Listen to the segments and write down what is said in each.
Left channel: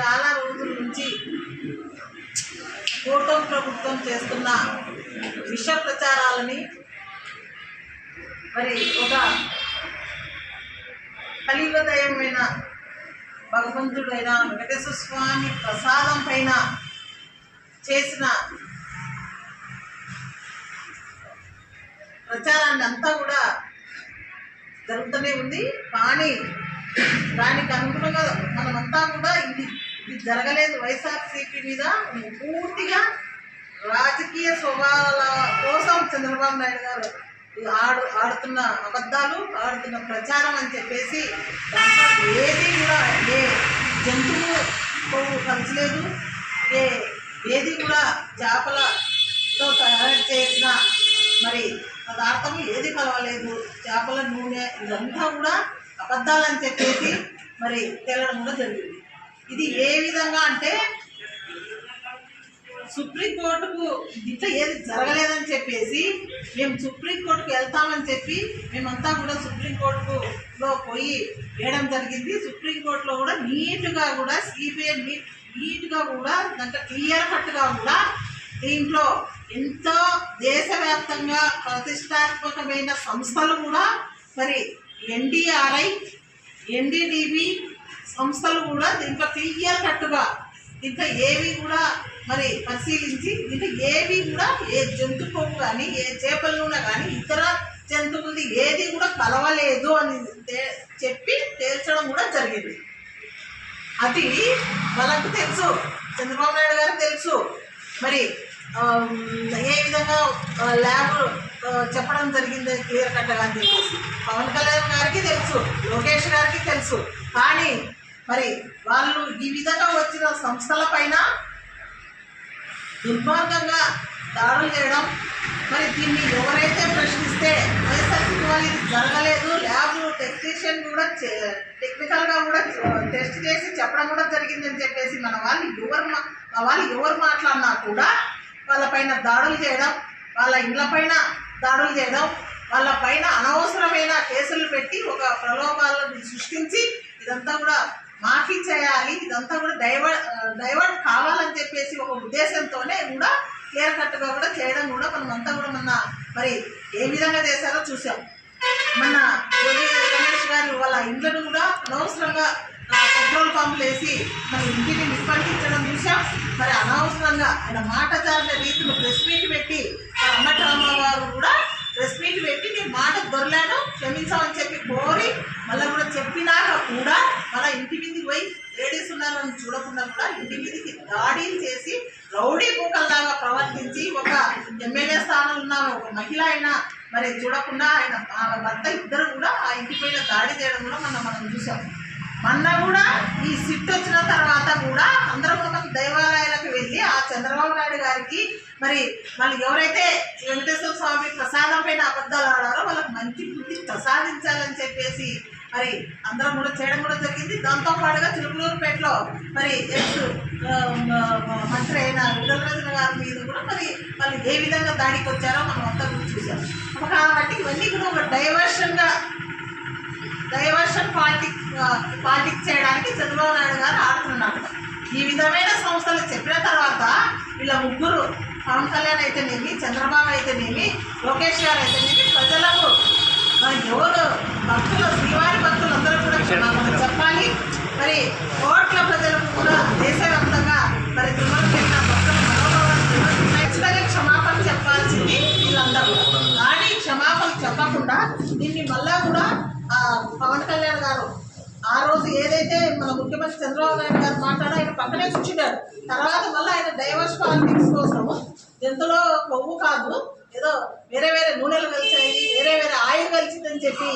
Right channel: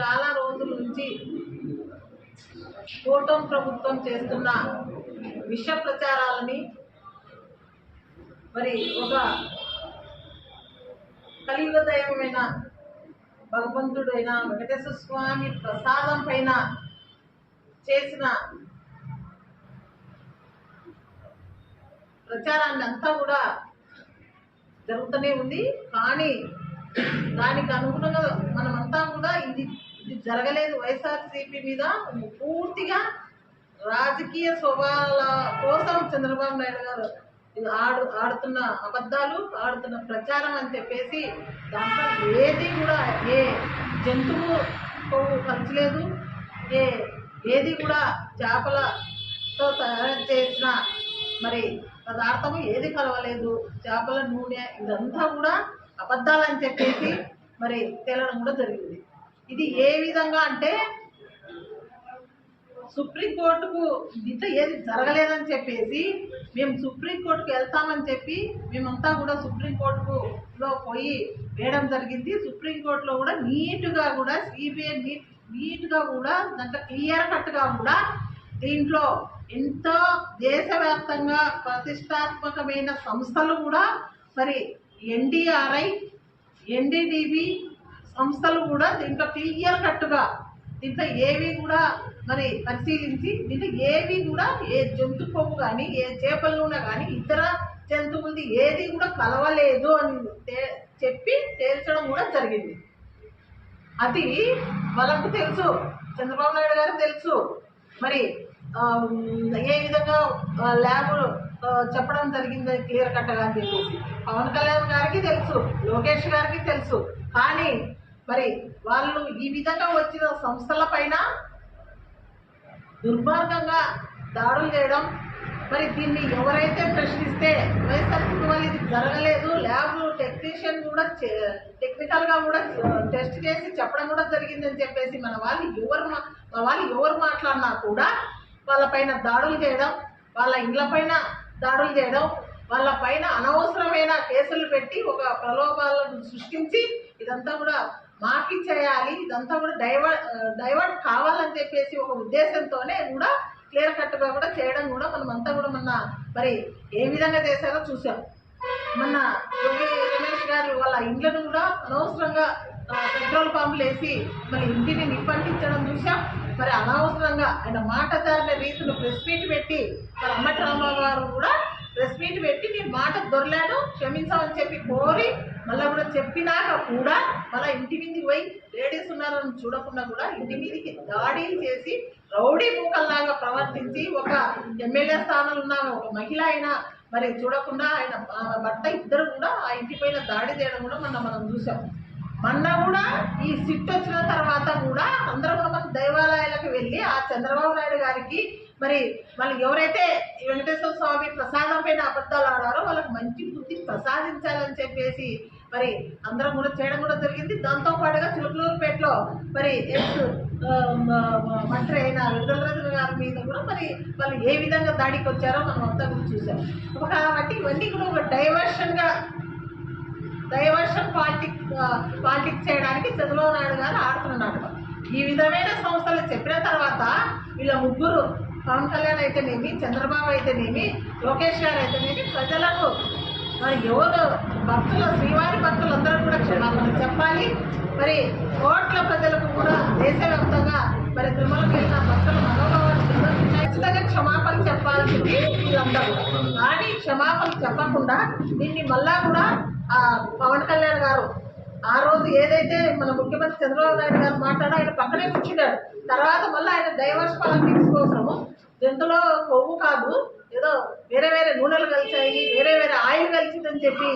చాలా రోజుల నుంచి కూటమి ప్రభుత్వం చేస్తున్న విష ప్రచారాలని మరి ఒక కలియుగదయమైన భగవంతుడైన వెంకటేశ్వర స్వామి ప్రసాదం పైన చేసిన ప్రచారాన్ని అంతా కూడా జరుగుతూనే ఉంది. కానీ దానికి అనుగుణంగా మనమంతా కూడా ఇది జరగలేదు. వైఎస్ఆర్సీపీ మీద పూర్తిగా రాజకీయ స్వభావాల కోసం చంద్రబాబు నాయుడు గారు ఆడుతున్న అబద్ధాలు, ఆడుతున్న ప్రచారం అని చెప్పేసి దాంట్లో ఏది కూడా ఏ జంతువు కొవ్వు కలిసలేదు, ఏది కూడా చేపలతో తయారు చేసిన మరి పదార్థం ఏది కలవలేదు, చేపల నూనె ఇదంతా కూడా అబద్ధాలని చెప్పేసి మరి తేలడం కూడా జరిగింది. ఇది ఏ విధంగా అంటే సుప్రీంకోర్టుకు ఇట్లా ఏది జరగలేదని చెప్పేసి మేము సుప్రీంకోర్టుకు వెళ్తామని చెప్పి మేమంతా కూడా సుప్రీంకోర్టులో పోయి వేయడం జరిగింది. సుప్రీంకోర్టులో కూడా నీట్గా కూడా సిబిఐ నీట్గా కూడా దాంట్లో క్లియర్ కట్గా కూడా దీంట్లో ఎంతో దేశవ్యాప్తంగా ప్రతిష్టాత్మకమైన సంస్థలు కూడా మరి ఎన్డీఆర్ఐ, ఎన్డీడీబీ సంస్థలు కూడా దీంట్లో క్లియర్ కట్టుగా దీంట్లో ఏవి కూడా మరి పరిశీలించి దీంట్లో ఏవి కూడా ఏ జంతు కొవ్వు కానీ ఏ చేపల నూనె కానీ ఇతర జంతువులది ఏది కూడా కలవలేదు అని చెప్పి తేల్చడం కూడా జరిగింది. అది వాళ్ళకు తెలుసు, చంద్రబాబు నాయుడు గారికి తెలుసు. మరి ఏ విధంగా ల్యాబ్ చెప్పడం జరిగింది క్లియర్ కట్గా అని చెప్పేసి పవన్ కళ్యాణ్ గారికి తెలుసు, లోకేష్ గారికి తెలుసు. కానీ మరి వాళ్ళు ఈ విధంగా వచ్చిన సంస్థల పైన దుర్మార్గంగా దాడులు చేయడం, మరి దీన్ని ఎవరైతే ప్రశ్నిస్తే వైఎస్ఆర్సీపీ వాళ్ళు ఇది జరగలేదు, ల్యాబ్ టెక్నీషియన్ కూడా టెక్నికల్గా కూడా టెస్ట్ చేసి చెప్పడం కూడా జరిగిందని చెప్పేసి మన వాళ్ళు ఎవరు మాట్లాడినా కూడా వాళ్ళపైన దాడులు చేయడం, వాళ్ళ ఇండ్లపైన దాడులు చేయడం, వాళ్ళపైన అనవసరమైన కేసులు పెట్టి ఒక ప్రలోభాలను సృష్టించి ఇదంతా కూడా మాఫీ చేయాలి, ఇదంతా కూడా డైవర్ట్ కావాలని చెప్పేసి ఒక ఉద్దేశంతోనే కూడా క్లియర్ కట్గా కూడా చేయడం కూడా మనమంతా కూడా మరి ఏ విధంగా చేశారో చూసాం. మన రమేష్ గారు వాళ్ళ ఇండ్లను కూడా అనవసరంగా పెట్రోల్ పంపులు వేసి మన ఇంటిని నిప్పంటించడం చూసాం. మరి అనవసరంగా ఆయన మాట జారిన రీతిలో ప్రెస్ మీట్ పెట్టి మరి అంబటి రామారావు గారు కూడా ప్రెస్ మీట్ పెట్టి నీ మాట దొరలేను క్షమించామని చెప్పి కోరి మళ్ళీ కూడా చెప్పినాక కూడా మళ్ళీ ఇంటి మీదకి పోయి లేడీస్ ఉన్నారని చూడకుండా కూడా ఇంటి మీదకి దాడులు చేసి రౌడీ మూకల్లాగా ప్రవర్తించి ఒక ఎమ్మెల్యే స్థానంలో ఉన్న ఒక మహిళ అయినా మరి చూడకుండా ఆయన భర్త ఇద్దరు కూడా ఆ ఇంటి పైన దాడి చేయడం కూడా మనం చూసాం. మొన్న కూడా ఈ సిట్ వచ్చిన తర్వాత కూడా అందరం మనం దేవాలయాలకు వెళ్ళి ఆ చంద్రబాబు నాయుడు గారికి మరి వాళ్ళు ఎవరైతే వెంకటేశ్వర స్వామి ప్రసాదం పైన అబద్ధాలు ఆడారో వాళ్ళకి మంచి బుద్ధి ప్రసాదించాలని చెప్పేసి మరి అందరం కూడా చేయడం కూడా జరిగింది. దాంతోపాటుగా చిలుకలూరుపేటలో మరి ఎక్స్ మంత్రి అయిన విడుదలరాజు గారి మీద కూడా మరి వాళ్ళు ఏ విధంగా దాడికి వచ్చారో మనం అంతా కూడా చూసాం. కాబట్టి ఇవన్నీ కూడా ఒక డైవర్షన్ పాలిటిక్స్ చేయడానికి చంద్రబాబు నాయుడు గారు ఆడుతున్నారు. ఈ విధమైన సంస్థలు చెప్పిన తర్వాత వీళ్ళ ముగ్గురు పవన్ కళ్యాణ్ అయితేనేమి, చంద్రబాబు అయితేనేమి, లోకేష్ గారు అయితేనేమి ప్రజలకు మరి ఎవరు భక్తులు శ్రీవారి భక్తులు అందరూ కూడా క్షమాపణ చెప్పాలి. మరి కోట్ల ప్రజలకు కూడా దేశవ్యాప్తంగా మరి తిరుమలకి వెళ్ళిన భక్తుల మనోభావాలు ఖచ్చితంగా క్షమాపణ చెప్పాల్సింది వీళ్ళందరూ. కానీ క్షమాపణ చెప్పకుండా దీన్ని మళ్ళా కూడా పవన్ కళ్యాణ్ గారు ఆ రోజు ఏదైతే మన ముఖ్యమంత్రి చంద్రబాబు నాయుడు గారు మాట్లాడో ఆయన పక్కనే కూర్చున్నాడు. తర్వాత మళ్ళీ ఆయన డైవర్స్ పాలిటిక్స్ కోసము ఎంతలో కొవ్వు కాదు ఏదో వేరే నూనెలు కలిసాయి, వేరే ఆయిల్ కలిసిందని చెప్పి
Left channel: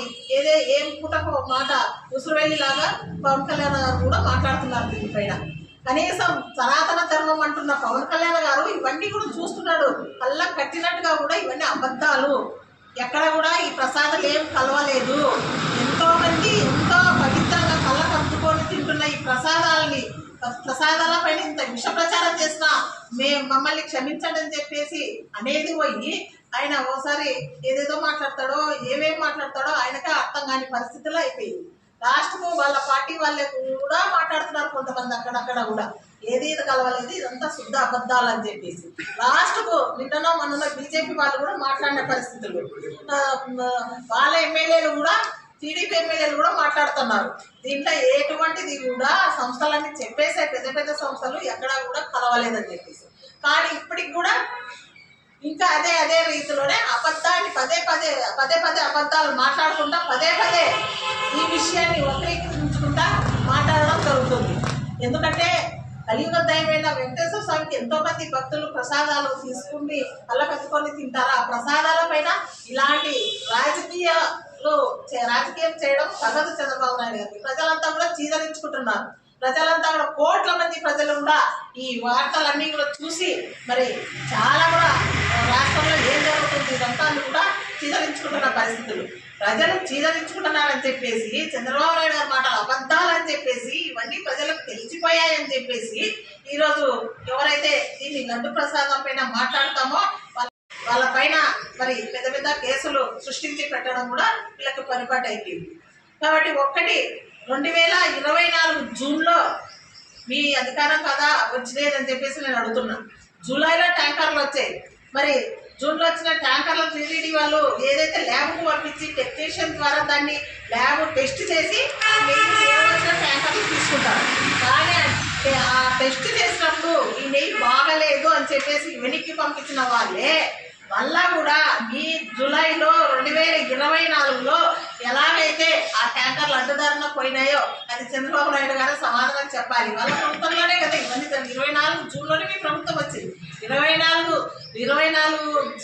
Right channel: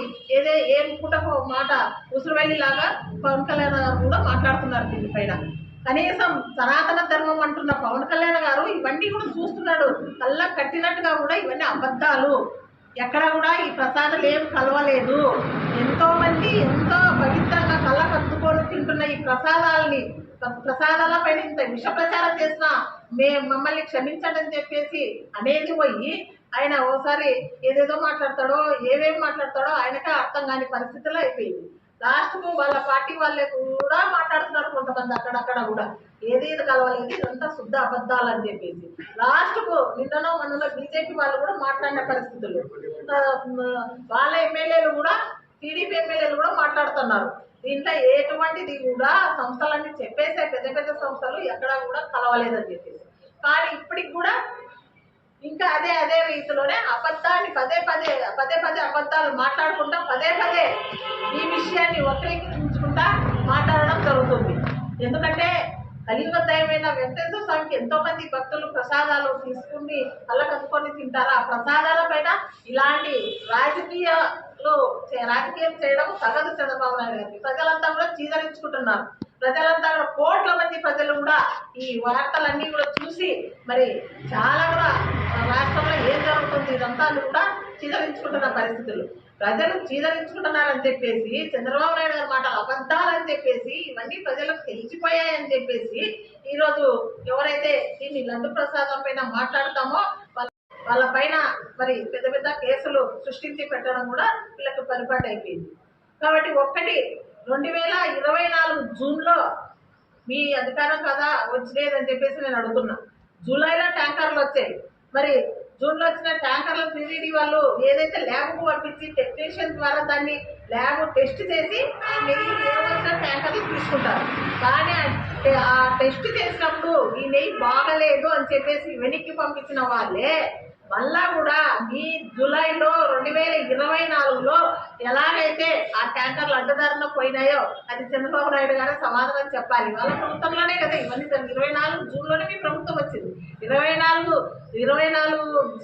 ఏం పూటకు మాట ఉసురువెల్లిలాగా పవన్ కళ్యాణ్ గారు కూడా మాట్లాడుతున్నారు దీనిపైన. కనీసం సనాతన ధర్మం అంటున్న పవన్ కళ్యాణ్ గారు ఇవన్నీ కూడా చూస్తున్నాడు. కళ్ళ కట్టినట్టుగా కూడా ఇవన్నీ అబద్ధాలు, ఎక్కడ కూడా ఈ ప్రసాదాలు ఏం కలవలేదు. ఎంతోమంది ఎంతో పవిత్రంగా కళ్ళ కత్తుకొని తింటున్న ఈ ప్రసాదాల పైన ఇంత విష ప్రచారం చేసినా మమ్మల్ని క్షమించండి అని చెప్పేసి అనేది పోయి ఆయన ఓసారి ఏదేదో మాట్లాడతాడో ఏమేమి మాట్లాడతాడో ఆయనకే అర్థం కాని పరిస్థితుల్లో అయిపోయింది. లాస్ట్కు వాళ్ళ పార్టీ వాళ్ళే కూడా మాట్లాడుతున్నారు కొంతమంది అక్కడక్కడ కూడా ఏది ఇది కలవలేదు, ఇదంతా శుద్ధ అబద్ధాలు అని చెప్పేసి. లాస్ట్కు నిన్ననో మొన్ననో బీజేపీ వాళ్ళు కూడా మాట్లాడిన పరిస్థితులు, వాళ్ళ ఎమ్మెల్యేలు కూడా టీడీపీ ఎమ్మెల్యేలు కూడా మాట్లాడుతున్నారు. దీంట్లో ఎటువంటిది కూడా సంస్థలన్నీ చెప్పేసే పెద్ద పెద్ద సంస్థలు ఎక్కడా కూడా కలవలేదని చెప్పేసి. కానీ ఇప్పటికి కూడా ఇంకా అదే రీతిలోనే అబద్ధాన్ని పదే పదే అబద్ధాలు మాట్లాడుకుంటా పదే ఈ విషయాన్ని వక్రీకరించుకుంటా మాట్లాడడం జరుగుతుంది. ఎందుకంటే కలియుగ దైవమైన వెంకటేశ్వర స్వామికి ఎంతో మంది భక్తులు ప్రసాదాలు తీసుకుని అల్లకత్తుకొని తింటారు. ఆ ప్రసాదాల పైన ఇలాంటి రాజకీయం చేయడం తగదు చంద్రబాబు నాయుడు గారికి. ప్రజలంతా కూడా చీదరించుకుంటున్నారు. ప్రజలంతా కూడా కోట్ల మంది ప్రజలు కూడా ఈ వార్తలన్నీ కూడా చూసి మరి చాలా కూడా రాష్ట్రంలో ఏం జరుగుతుంది ఇదంతా కూడా చీదరించుకుంటున్న పరిస్థితులు. ప్రజలు చీదరించుకుంటున్నారని చెప్పేసి చంద్రబాబు నాయుడు గారి మాటలు అబద్ధాలని చెప్పేసి ఇవన్నీ ప్రజలకు తెలిసిపోయాయని చెప్పేసి ఈరోజు ఎవరైతే దీన్ని లడ్డు ప్రసాదం పైన మాట్లాడతామో వాళ్ళ పైన మరి పెద్ద కేసులు సృష్టించి పెట్టడం కూడా వీళ్ళకి పరిపాటి అయిపోయింది. కాబట్టి 2024 జూన్లో మీ అధికారం కదా వచ్చిలేదని చెప్పేసి నేను అడుగుతున్నా. జూలైలో ట్యాంకర్లు వచ్చాయి. మరి జూన్లో వచ్చిన ట్యాంకర్లు టీటీడీ వాళ్ళు ఏదైతే ల్యాబ్కు పంపించి టెక్నీషియన్ ద్వారా దాన్ని ల్యాబ్ టెస్ట్ చేసి ఆ నెయ్యి ఏవలసిన ట్యాంకర్లు తీసుకుంటారు. కానీ ఆ టెస్ట్ చేసినప్పుడు ఈ నెయ్యి బాగలేదు అని చెప్పేసి వెనక్కి పంపించిన వాళ్ళే మళ్ళా కూడా ఈ జూలైలో 2024లో ఎలాగైతే ఆ ట్యాంకర్లు అడ్డదారిన పోయినాయో అది చంద్రబాబు నాయుడు గారు సమాధానం చెప్పాలి. వాళ్ళ ప్రభుత్వంలోనే కదా ఇవన్నీ 24 జూన్లోనే మీ ప్రభుత్వం వచ్చింది. 24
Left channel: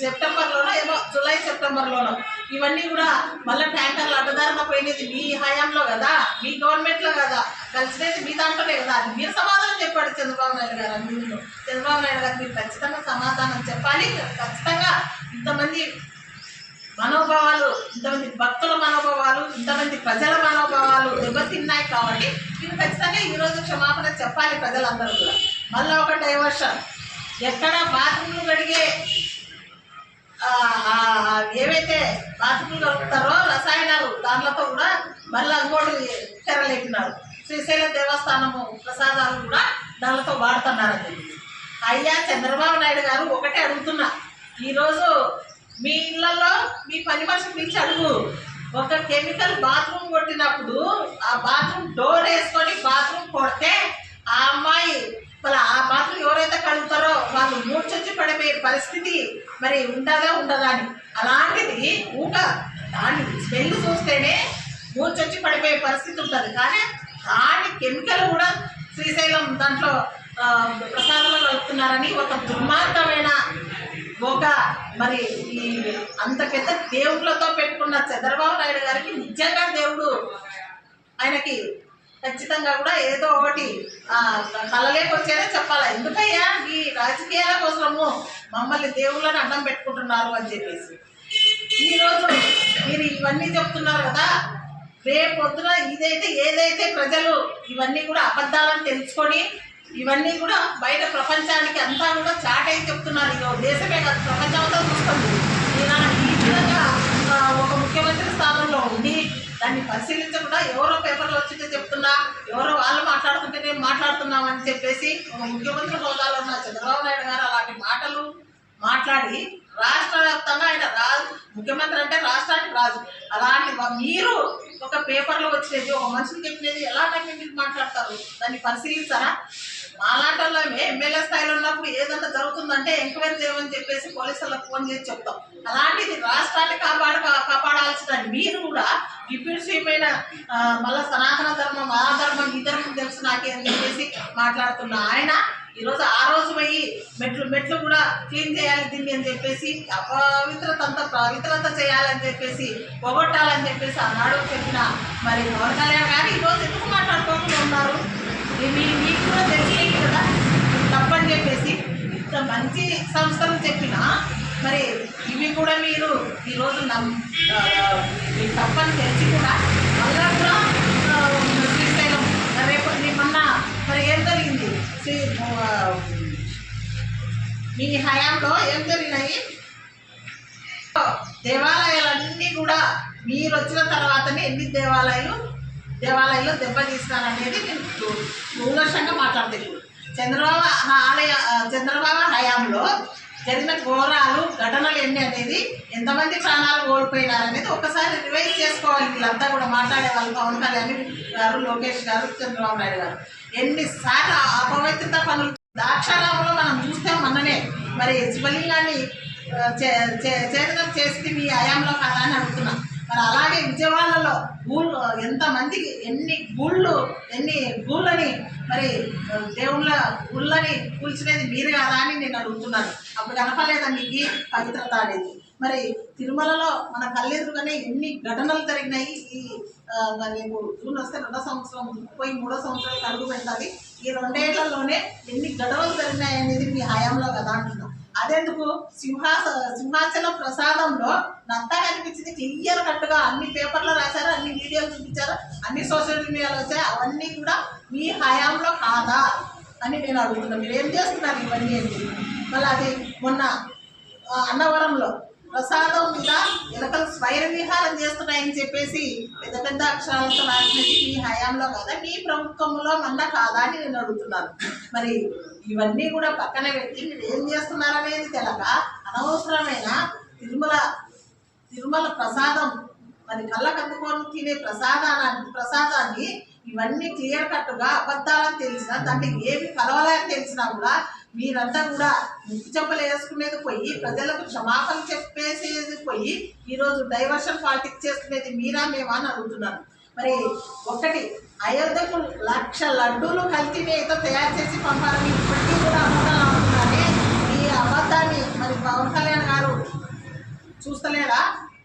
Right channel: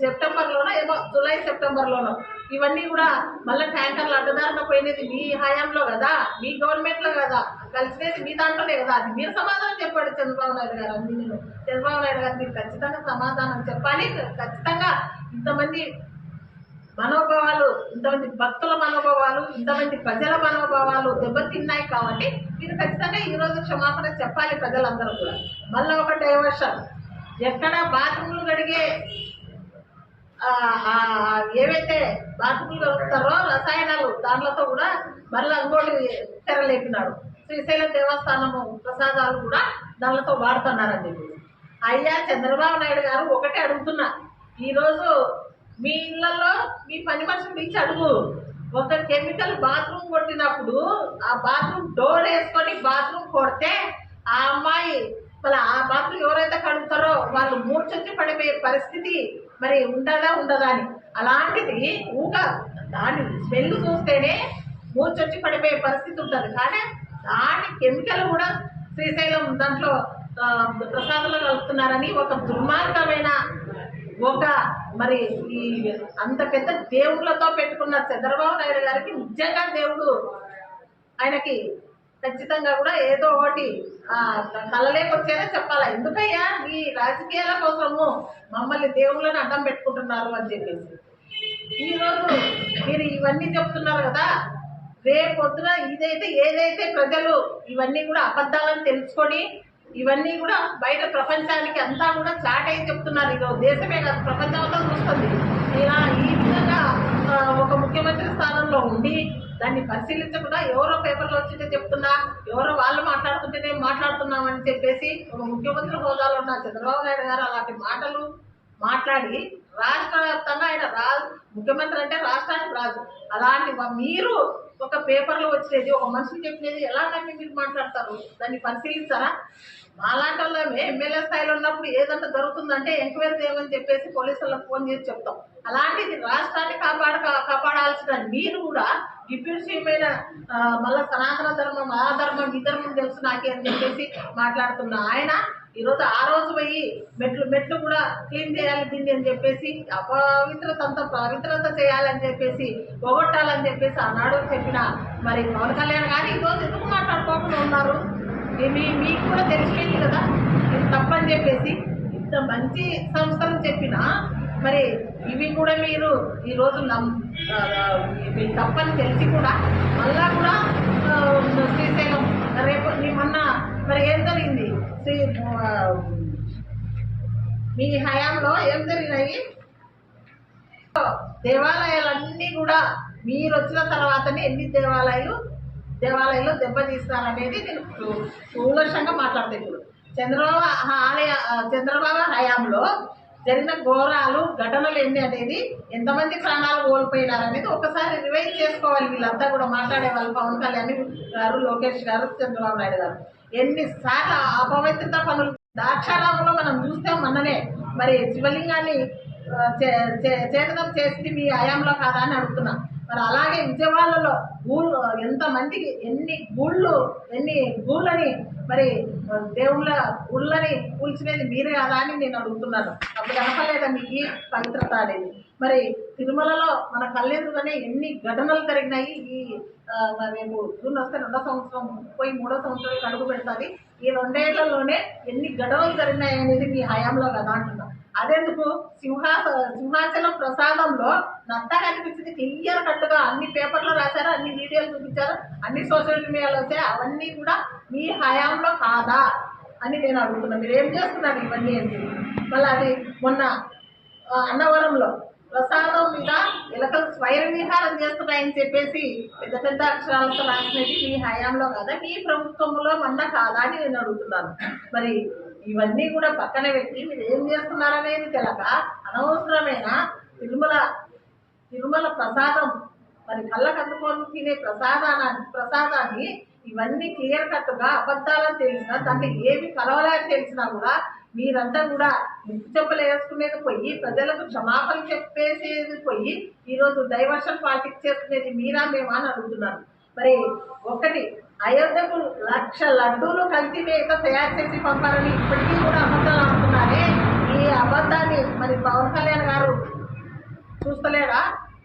సెప్టెంబర్లోనో ఏమో జూలై సెప్టెంబర్లోనో ఇవన్నీ కూడా మళ్ళీ ట్యాంకర్లు అడ్డదారిన పోయినది మీ హయాంలో కదా, మీ గవర్నమెంట్లో కదా, కలిసినది మీ దాంట్లోనే కదా. అది మీరు సమాధానం చెప్పాడు చంద్రబాబు నాయుడు గారు. చంద్రబాబు నాయుడు గారు మీరు ఖచ్చితంగా సమాధానం చెప్పాలి. ఖచ్చితంగా ఇంతమంది మనోభావాలు, ఇంతమంది భక్తుల మనోభావాలు, ఇంతమంది ప్రజల మనోభావాలు దెబ్బతిన్నాయి కాబట్టి మీరు ఖచ్చితంగా ఈరోజు క్షమాపణ చెప్పాలి ప్రజలందరూ కూడా. మళ్ళీ ఒక డైవర్షన్, ఎక్కడ బాత్రూమ్లు కడిగే ఏవైతే బాత్రూమ్లు కలుపుతారో రసాయనాలు దాంట్లతో కూడా మళ్ళీ అంగోటి తెరలేపినారు. శ్రీశైలం దేవస్థానము ప్రసాదాలు కూడా దాంట్లతో వాడుతున్నారని చెప్పి. అయ్యా చంద్రబాబు నాయుడు గారు ఒకటే అడుగుతున్నా, ఈరోజు మీ ఇళ్లలో మీ పని మనిషిని పిలిచి అడుగు, ఒక కెమికల్ బాత్రూమ్ కొట్టినప్పుడు ఆ బాత్రూమ్ డోర్ వేసుకొని బాత్రూమ్ కొడితే ఆ అమ్మాయి మళ్ళీ ఆ బాత్రూమ్ ఎవరైతే కడుగుతారో వాళ్ళు మూర్చొచ్చి పడిపోయే పరిస్థితి మరి ఉండదా అని. అలాంటిది దాని స్మెల్ చూస్తేనే మూర్చొచ్చి పడిపోయే పరిస్థితి ఉంటుంది. కానీ దాని కెమికల్ కూడా శ్రీశైలం దాంట్లో ప్రసాదాలు కలుపుతున్నారని ఒక దుర్మార్గమైన మరి ఈ అంత పెద్ద దేవుళ్ళతో పెట్టుకున్న చంద్రబాబు నాయుడు గారికి నిజంగా దేవుడు ఆయనకి ఖచ్చితంగా కూడా ఏదో ఒకటి కలలేకొచ్చేనే చెప్పాలి. ఎందుకయ్యా మీ రాజకీయాల కోసము మమ్మల్ని దేవుళ్ళని అడ్డం పెట్టుకుంటున్నారు అని చెప్పేసి. ఈరోజు మీరు ఇవన్నీ చెప్తున్నారు కదా, రేపొద్దున ఏదైతే ప్రజలు ఇవన్నీ కూడా అబద్ధాలను తెలుసుకొని ఇవన్నీ కూడా బయట ప్రపంచానికి అంతా కూడా చాటై చెప్తున్నారు. ఇక దేశమే కాదు ప్రపంచం అంతా చూస్తుంది. ఈ విధంగా ఒక ముఖ్యమంత్రి స్థానంలో ఉండి దాన్ని పరిశీలించకుండా ఎవరో పేపర్లో వచ్చితే చెప్తున్నా, ఎవరో వాళ్ళు మాట్లాడుతుంటే నేను మాట్లాడుతున్నామని చెప్పేసి ఒక ముఖ్యమంత్రి హోదాలో ఉన్న చంద్రబాబు నాయుడు గారు అలాంటి మాటలు మాట్లాడి రాష్ట్ర వ్యాప్తంగా ఆయన ముఖ్యమంత్రి అంటే రాష్ట్రానికి రాజు. అలాంటి మీరు ఒక పేపర్లో వచ్చినది ఒక మనిషిని చెప్పినది ఎలా మీరు మాట్లాడతారు? దాన్ని పరిశీలించారా? మాలాంటి వాళ్ళు ఎమ్మెల్యే స్థాయిలో ఉన్నప్పుడు ఏదన్నా జరుగుతుందంటే ఎంక్వైరీ చేయమని చెప్పేసి పోలీసులకు ఫోన్ చేసి చెప్తాం. అలాంటిది రాష్ట్రాన్ని కాపాడాల్సిన మీరు కూడా డిప్యూటీ సీఎం అయిన మళ్ళీ సనాతన ధర్మం ఆ ధర్మం ఈ ధర్మం తెలుసు నాకే అని చెప్పేసి మాట్లాడుతున్న ఆయన ఈరోజు ఆ రోజు పోయి మెట్లు కూడా క్లీన్ చేయాలి దీన్ని అని చెప్పేసి పవిత్రత చేయాలని చెప్పేసి పోగొట్టాలని చెప్పేసి ఆనాడు చెప్పిన మరి పవన్ కళ్యాణ్ గారు ఈరోజు ఎందుకు మాట్లాడుకోకుండా ఉన్నారు? మీకు కూడా తెలిసేది కదా తప్పని చెప్పేసి. ఇంత మంచి సంస్థలు చెప్పినా మరి ఇవి కూడా మీరు ఈరోజు తప్పని తెలిసి కూడా మళ్ళా కూడా శ్రీశైలం రేపు మొన్న మరి ఏం జరిగింది? మీ హయాంలో ఏం జరిగినాయి? దేవాలయాలన్నీ కూడా మీరు వచ్చిన తర్వాతనే ఎన్ని దేవాలయాలు దేవాలయంలో దెబ్బతీస్తారనేది నేను కూలంకషంగా మాట్లాడతాను. ఇప్పుడు చంద్రబాబు హయాంలో జరిగిన ఘోరాలు ఘటనలు ఎన్ని అనేది, ఎంతమంది ప్రాణాలు కోల్పోయినారనేది ఒకసారి రివైజ్ చేసుకోవాలి. వీళ్ళంతా కూడా మాట్లాడే వాళ్ళు, పవన్ కళ్యాణ్ గారు, లోకేష్ గారు, చంద్రబాబు నాయుడు గారు ఎన్నిసార్లు అపవిత్రత పనులు. ద్రాక్షారామంలో మనం చూస్తే మొన్ననే మరి శివలింగాన్ని చేతనం చేసింది మీ హయాంలో కాదా అని అడుగుతున్నాం. మరి అలాగే విజయవాడలో ఎంతమందికి ఎన్ని గూళ్ళని మరి దేవుళ్ళ గుళ్ళని కూల్చినది మీరు కాదా అని నేను అడుగుతున్నాను. అప్పుడు కనపలేదా మీకు పవిత్రత అనేది? మరి తిరుమలలో మన కళ్ళెదురుగానే ఎన్ని ఘటనలు జరిగినాయి. ఈ రేపు జూన్ వస్తే 2వ సంవత్సరం పోయి 3వ సంవత్సరాలకు అడుగు పెడుతుంది. ఈ 2 ఏళ్లలోనే ఎన్ని గొడవలు జరిగినాయి అనేది మీ హయాంలో కదా అంటున్నాం. అదెందుకు సింహాచలం ప్రసాదంలో నత్తా కనిపించింది క్లియర్ కట్టుగా, అన్ని పేపర్లో రాశారు, అన్ని వీడియోలు చూపించారు, అన్ని సోషల్ మీడియాలో వచ్చాయి. అవన్నీ కూడా మీ హయాంలో కాదా అని నేను అడుగుతున్నాను. మీరు ఏం చేస్తున్నారు ఇవన్నీ అని? మళ్ళీ అది మొన్న అన్నవరంలో ప్రసాదం మీద ఎలకలు స్వైర విహారం చేస్తున్నాయని చెప్పేసి పెద్ద పెద్ద అక్షరాలతో రాసినది మీ హయాంలో కాదా, మీ ప్రభుత్వంలో మొన్న కాదా అని నేను అడుగుతున్నాను. మరి ఇవన్నీ కూడా పక్కన పెట్టి మీరు ఏం చేస్తున్నారనేది తెలక అనవసరమైన తిరుమల ప్రసాదం, మరి కళ్ళకు అందుకొని తినే ప్రసాదాన్ని ఇవన్నీ క్లియర్ కట్టుగా అబద్ధాలని తెలిసినా, దాన్ని ఏమి కలవలేని తెలిసినా కూడా మీరంతా కూడా ముక్కు చెప్పులు వేసుకునేది పోయి, ప్రజలకు క్షమాపణ చెప్పేసేది పోయి, ఈరోజు డైవర్షన్ పాలిటిక్స్ చేసుకునేది మీరా మేమా అని అడుగుతున్నాను. మరి ఒకటి, అయోధ్యకు 1,00,000 లడ్డూలు కల్తీ మేత తయారు చేసి పంపాలని ఇప్పటికీ కూడా అబద్ధాలు ఆడుతున్నారే. ఈ అబద్ధాన్ని మరి పవన్ కళ్యాణ్ గారు చూస్తలేరా?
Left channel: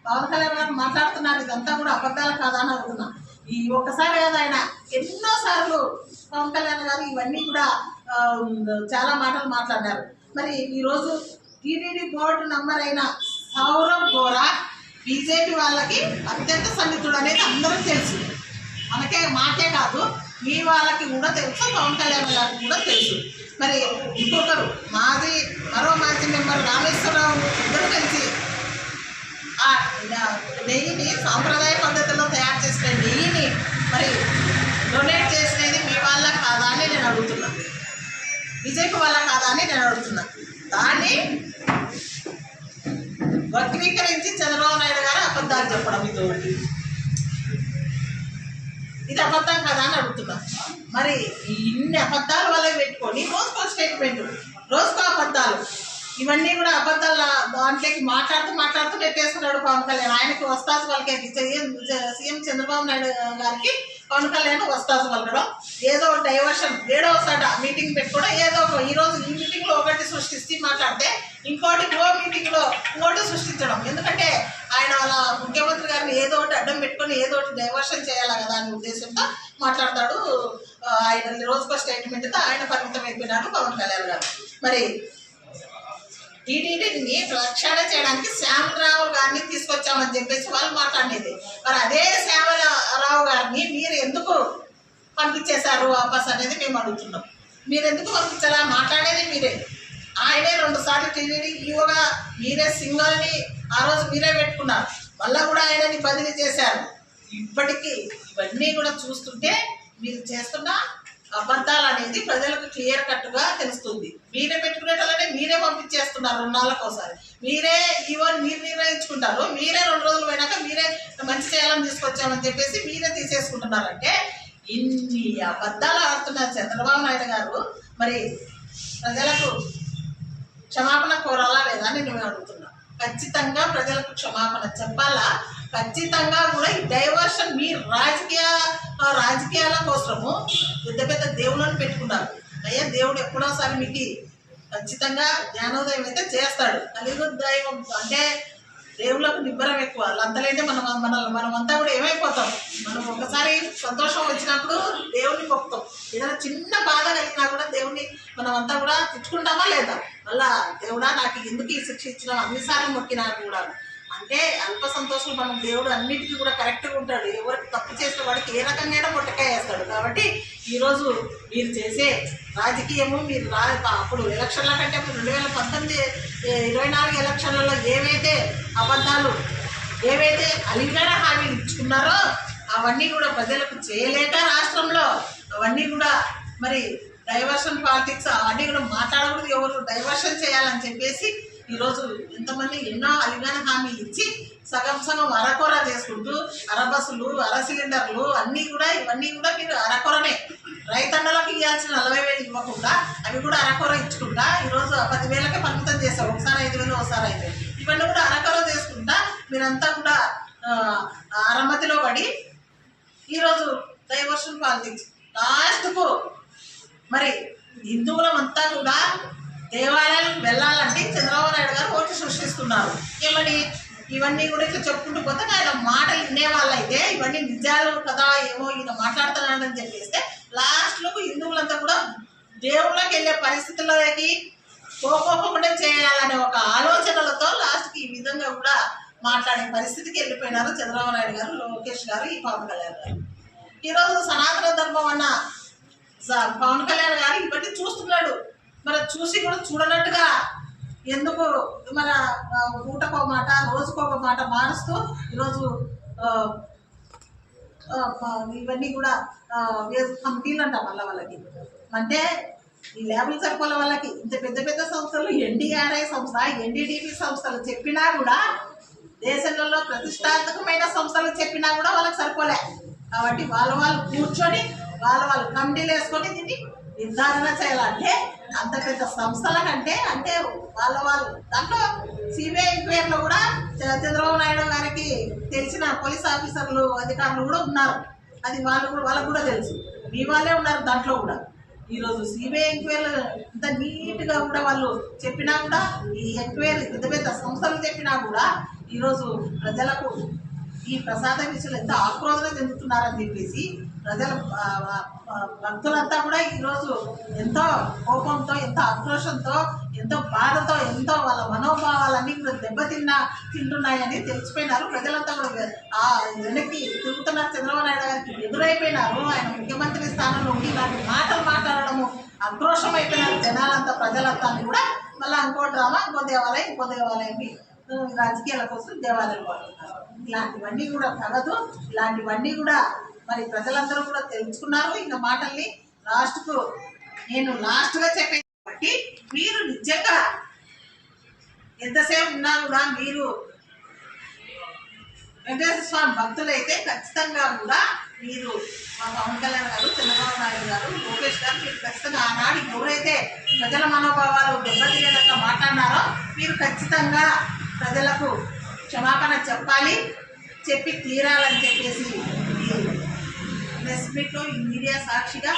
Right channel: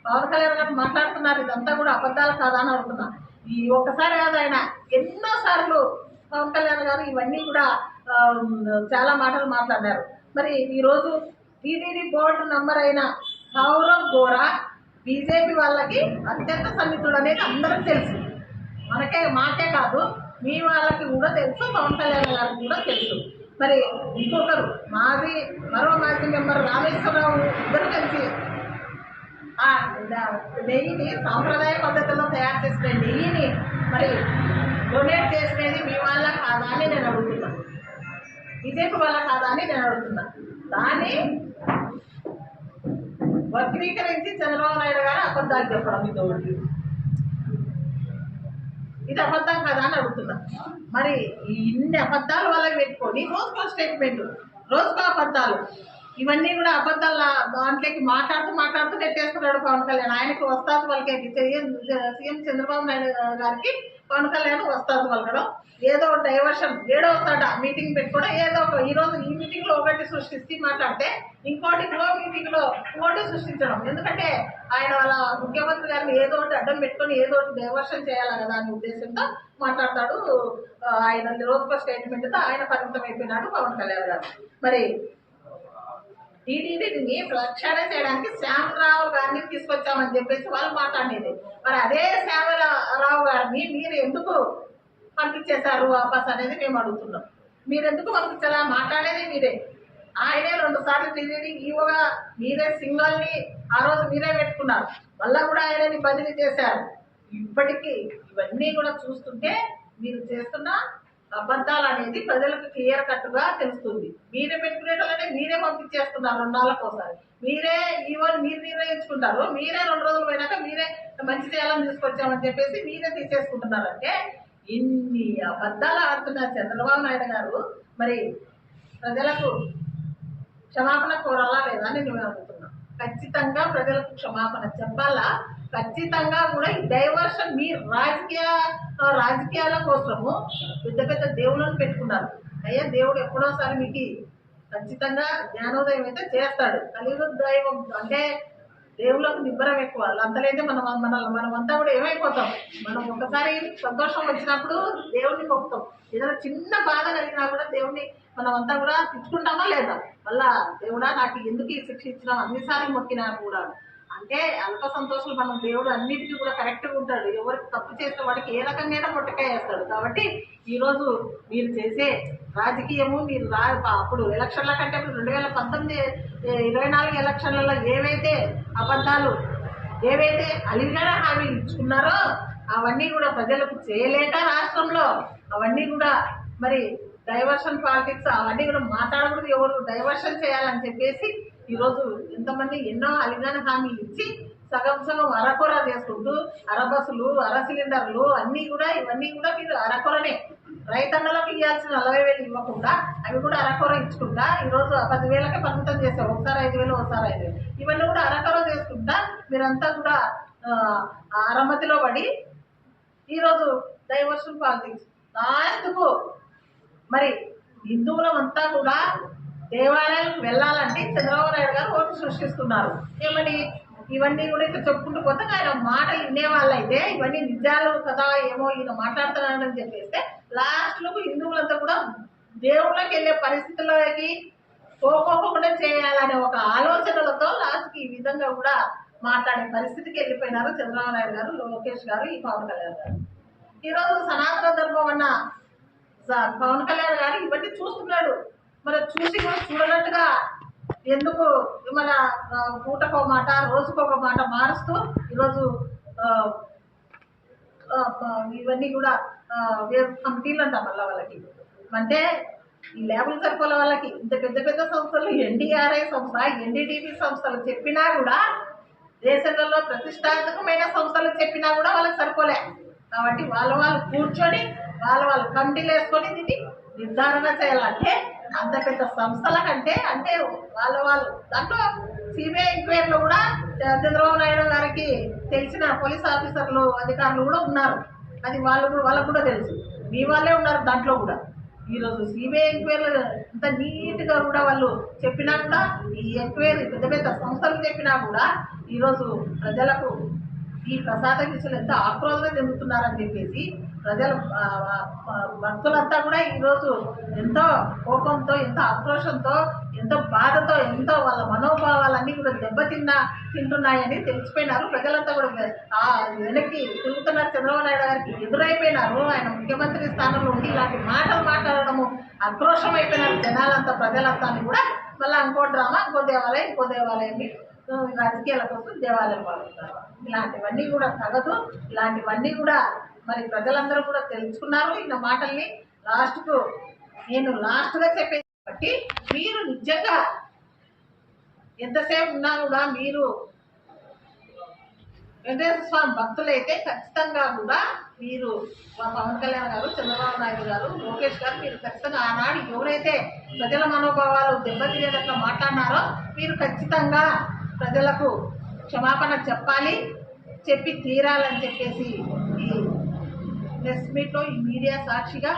పవన్ కళ్యాణ్ గారు మాట్లాడుతున్నారు, ఇదంతా కూడా అబద్ధాలు కాదా అని అడుగుతున్నా. ఈ ఒక్కసారి కదా, ఆయన ఎన్నోసార్లు పవన్ కళ్యాణ్ గారు ఇవన్నీ కూడా చాలా మాటలు మాట్లాడారు. మరి ఈరోజు టీటీడీ బోర్డు నంబర్ అయిన సౌరవ్ గోరా బీజేపీ వాళ్ళకి అత్యంత సన్నిహితుడు అనేది అందరూ తెలుసు. మాకే కాదు, మీ వాళ్ళకి కూడా తెలుసు, పవన్ కళ్యాణ్ గారికి కూడా తెలుసు. మరి ఇంకొకరు మరో మాజీ మెంబర్ రామేశ్వరరావు ఇద్దరు కలిసి ఆ నెయ్యిని సాంప్రదాయ పద్ధతిలో తయారు చేసిన నెయ్యిని మరి డొనేట్ చేసినది మీ వాళ్ళ కాదా అని నేను అడుగుతున్నాను. బీజేపీ వాళ్ళ కాదా అని నేను అడుగుతున్నాను. దాన్ని వక్రీకరించి చంద్రబాబు నాయుడు గారు అబద్ధాలు చెప్పడం ఇది అబద్ధం కదా అని అడుగుతున్నా. మరి ఇన్ని అబద్ధాలు వల్ల పెట్టుకొని రోజుకో స్టేట్మెంట్, రోజుకో అబద్ధాలు, ఇవన్నీ కూడా అబద్ధాల దాంట్లోకి మాట్లాడుతూ పెట్టేస్తున్నాడు పవన్ కళ్యాణ్. ఆయనకు వస్తాసు పలికేది సీఎం చంద్రబాబు నాయుడు గారికి పవన్ కళ్యాణ్ వస్తాసు పలకడం, ఏదో డైవర్షన్, 7వ మీటింగ్ పెట్టుకోవడం, ఏదో ఈరోజు ఈ మీటింగ్లో ఒకటి సృష్టిస్తే మాట్లాడితే ఇంకోటి మీటింగ్లో ఇంకోటి సృష్టించడం. ఎందుకంటే ఆయన వాళ్ళ ముఖ్యమంత్రి గారిని ఏదో ఒకటి అడ్డం పెట్టుకొని ఏదో ఒకటి డైవర్షన్ చేయాలి కదా అనే ఉద్దేశంతో మాట్లాడతాడు. ఆయన రోజుకో స్టేట్మెంట్తో ఆయన పరిమితం అయిపోయినాడు పవన్ కళ్యాణ్ గారు. మరి టీటీడీని ప్రక్షాళన చేయడానికి శ్యామరావు గారిని తీసుకొచ్చామని చెప్పేసి వాళ్ళు మాట్లాడేది. మరి అదే శ్యామరావు గారిని మీరు ఎందుకు పంపించేశారు వాపస్ అనేది మేము అడుగుతున్నాం. మీరు ఎందుకు పంపించాలా? మాట్లాడేది మీరే. ఆయనే 2 సార్లు టీటీడీ ఈవోగా మీరే సింగల్ని ఆ రోజు మీరే పెట్టుకున్నారు. మళ్ళీ కూడా ఆయనని బదిలీ చేశారు. ఇప్పటికీ ఇవన్నీ కూడా చూస్తుంటే మీరు చేస్తున్న అబద్ధాలు అనేది ప్రజలకు క్లియర్ కట్టుగా తెలుస్తుంది. మీరే పెట్టుకునేటోళ్ళనే మీరే పంపించేస్తున్నారు 2 నెలలకోసారి. మీరే ఈవెన్ మీరు నిర్ణయించుకుంటారు. మీరే 2 రోజులు పోయినాక మీరే మంచి చేయాలని తీసుకొచ్చామని చెప్పేసి మీరే తీసేసుకుంటున్నారంటే ఇన్ని అబద్ధాలు ఆడుతున్నారు చంద్రబాబు నాయుడు గారు. మరి ప్రజలకు క్షమాపణ కోరాలా లేదా అని నేను అడుగుతున్నా. ఖచ్చితంగా ప్రజలకు క్షమాపణ చెప్పాలా. ఖచ్చితంగా కూడా ఈ డైవర్షన్ మీ రాజకీయాల కోసము పెద్ద దేవుళ్ళని పెట్టుకున్నారు. అయ్యా, దేవుడు ఎప్పుడోసారి మీకు ఖచ్చితంగా జ్ఞానోదయం అయితే చేస్తాడు. కలియుగ దైవం అంటే దేవుళ్ళకు నిబ్బరం ఎక్కువ. అంతలేంటే మనమంతా కూడా ఏమైపోతాం. మనం ఒకసారి సంతోషం వచ్చినప్పుడు దేవుడిని మొక్కుతాం. ఏదైనా చిన్న బాధ కలిగినా కూడా దేవుడిని మనమంతా కూడా తిట్టుకుంటామా లేదా? మళ్ళా దేవుడా నాకు ఎందుకు ఈ శిక్ష ఇచ్చినాం అన్నిసార్లు మొక్కినా కూడా అంటే అల్ప సంతోషాలు మనం దేవుడు అన్నిటికీ కూడా కరెక్ట్గా ఉంటాడు. ఎవరికి తప్పు చేసిన వాడికి ఏ రకంగా మొట్టకాయ వేస్తాడు. కాబట్టి ఈరోజు మీరు చేసే రాజకీయము మీరు అప్పుడు ఎలక్షన్ల కంటే 2019-24 ఎలక్షన్లలో ఏవైతే అబద్ధాలు ఏవైతే అలింగన హామీలు ఇచ్చుకున్నారో అవన్నీ కూడా ప్రజలకు చేయలేక రాష్ట్రంలో అవన్నీ కూడా మరి డైవర్షన్ పాలిటిక్స్ అవన్నీ కూడా మాట్లాడకూడదు, ఎవరు డైవర్షన్ చేయాలని చెప్పేసి ఈరోజు ఎంతమంది ఎన్నో అలిగాన హామీలు ఇచ్చి సగం సగం అరకొర చేసుకుంటూ అరబస్సులు సిలిండర్లు అన్నీ కూడా ఇవన్నీ కూడా మీరు అరకొరనే రైతన్నలకు ఇవ్వాల్సిన 40,000 ఇవ్వకుండా అవి కూడా అరకొర ఇచ్చుకుంటా ఈరోజు 10,000కే పరిమితం చేస్తారు. ఒకసారి 5,000 ఒకసారి 5,000 ఇవన్నీ కూడా అరకొర చేసుకుంటా మీరంతా కూడా అరమతిలో పడి ఈరోజు డైవర్షన్ పాలిటిక్స్ లాస్ట్కు మరి హిందువులమంతా కూడా దేవాలయాలకు వెళ్ళాలంటే చంద్రబాబు నాయుడు గారు ఓటు సృష్టిస్తున్నారు. ఏమని ఇవన్నీ కూడా ఇట్లా చెప్పుకుంటూ పోతే ఆయన మాటలు వినేవాళ్ళైతే ఇవన్నీ నిజాలు కదా ఏమో ఈయన మాట్లాడుతున్నాడని చెప్పేస్తే లాస్ట్లోకి హిందువులంతా కూడా దేవుళ్ళకి వెళ్ళే పరిస్థితుల్లోకి పోకోకుండా చేయాలనే ఒక ఆలోచనలతో లాస్ట్కి ఈ విధంగా కూడా మాట్లాడే పరిస్థితికి వెళ్ళిపోయినారు చంద్రబాబు నాయుడు గారు, లోకేష్ గారు, ఈ పవన్ కళ్యాణ్ గారు. ఈరోజు సనాతన ధర్మం అన్న పవన్ కళ్యాణ్ గారు ఇవన్నీ చూస్తున్నాడు. మరి చూసి కూడా చూడనట్టుగా ఎందుకు మన పూటకో మాట రోజుకొక మాట మారుస్తూ ఈరోజు ఇవన్నీ కూడా కమిటీలు అంట మళ్ళీ వాళ్ళకి అంటే ఈ ల్యాబులు సరిపోలే వాళ్ళకి ఇంత పెద్ద పెద్ద సంస్థలు ఎన్డీఆర్ఐ సంస్థ ఎన్డీటీపీ సంస్థలు చెప్పినా కూడా దేశంలో ప్రతిష్టాత్మకమైన సంస్థలు చెప్పినా కూడా వాళ్ళకి సరిపోలే. కాబట్టి వాళ్ళు కూర్చొని వాళ్ళు కమిటీలు వేసుకొని దీన్ని నిర్ధారణ చేయాలంటే అంత పెద్ద సంస్థల కంటే అంటే వాళ్ళు దాంట్లో సిబిఐ ఎంక్వైరీలో కూడా చంద్రబాబు నాయుడు గారికి తెలిసిన పోలీస్ ఆఫీసర్లు అధికారులు కూడా ఉన్నారు. అది వాళ్ళకు కూడా తెలుసు. మీ వాళ్ళే ఉన్నారు దాంట్లో కూడా. ఈరోజు సిబిఐ ఎంక్వైరీలు ఇంత నీట్గా కూడా వాళ్ళు చెప్పినా కూడా ఈ ఎంక్వైరీ పెద్ద పెద్ద సంస్థలు చెప్పినా కూడా ఈరోజు ప్రజలకు ఈ ప్రసాద విషయంలో ఎంత ఆక్రోధన చెందుతున్నారని చెప్పేసి ప్రజల భక్తులంతా కూడా ఈరోజు ఎంతో కోపంతో ఎంతో ఆక్రోషంతో ఎంతో బాధతో ఎంతో వాళ్ళ మనోభావాలన్నీ కూడా తింటున్నాయని తెలిసిపోయినారు. ప్రజలంతా కూడా వెనక్కి తిరుగుతున్నారు. చంద్రబాబు నాయుడు గారికి ఎదురైపోయినారు. ఆయన ముఖ్యమంత్రి స్థానంలో ఉండి ఇలాంటి మాటలు మాట్లాడడము ఆక్రోషం అయిపోయినారు జనాలంతా, ప్రజలంతా కూడా. మళ్ళీ ఇంకో డ్రామా, ఇంకో దేవాలయం రాజకీయాల కోసం దేవాలయాలు వాడుతున్నారు. ఇలాంటివన్నీ కూడా తగదు. ఇలాంటివన్నీ కూడా మరి ప్రజలందరూ కూడా తెలుసుకున్నారు. ఈయన మాటల్ని నేను లాస్ట్గా చెప్పేది కాబట్టి మీరు నిజంగా ఎంతసేపు ఉన్నా కూడా మీరు వెంకటేశ్వర స్వామి భక్తులైతే ఖచ్చితంగా కూడా మీరు పవన్ కళ్యాణ్ గారు, చంద్రబాబు నాయుడు గారు, లోకేష్ గారు మీరు ఖచ్చితంగా ఆనాడు ఎవరైతే ప్రజల మనోభావాలు దెబ్బతినేటట్లా మాట్లాడినారో మీరు ఖచ్చితంగా ప్రజలకు క్షమాపణ చెప్పి తీరాలని చెప్పేసి ఈ ప్రెస్ మీట్లో ఈ మీడియా సాక్షిగా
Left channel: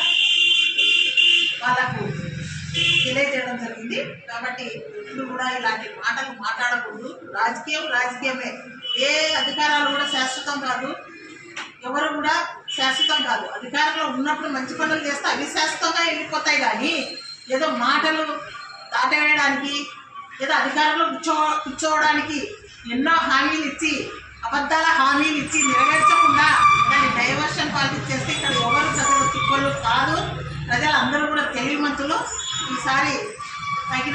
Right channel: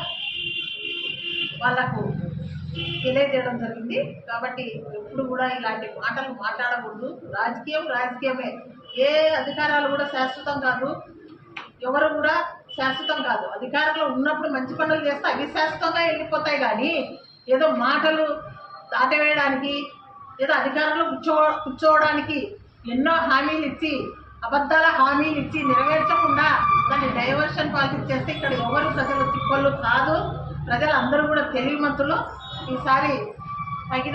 వాళ్ళకు తెలియజేయడం జరిగింది. కాబట్టి ఇప్పుడు కూడా ఇలాంటి మాటలు మాట్లాడకూడదు. రాజకీయమే. ఏ అధికారాలు కూడా శాశ్వతం కాదు, ఎవరు కూడా శాశ్వతం కాదు. అధికారంలో ఉన్నప్పుడు మంచి పనులు చేస్తే అవి శాశ్వతంగా వెళ్ళిపోతాయి. కానీ ఏదో మాటలు దాటవేయడానికి ఏదో అధికారంలో కూర్చోవడానికి ఎన్నో హామీలు ఇచ్చి అబద్ధాల హామీలు ఇచ్చి నెరవేర్చకుండా దాన్ని డైవర్షన్ పాలిటిక్స్ చేస్తే ఇక్కడ ఎవరు ప్రజలు తిప్పలు కాదు. ప్రజలందరూ కూడా తెలివిమంతులు. ఈసారి మీకు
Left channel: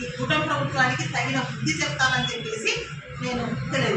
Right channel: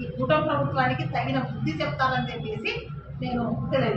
ఈ కుటుంబ ప్రభుత్వానికి తగిన బుద్ధి చెప్తానని చెప్పేసి నేను తెలియజేస్తాను.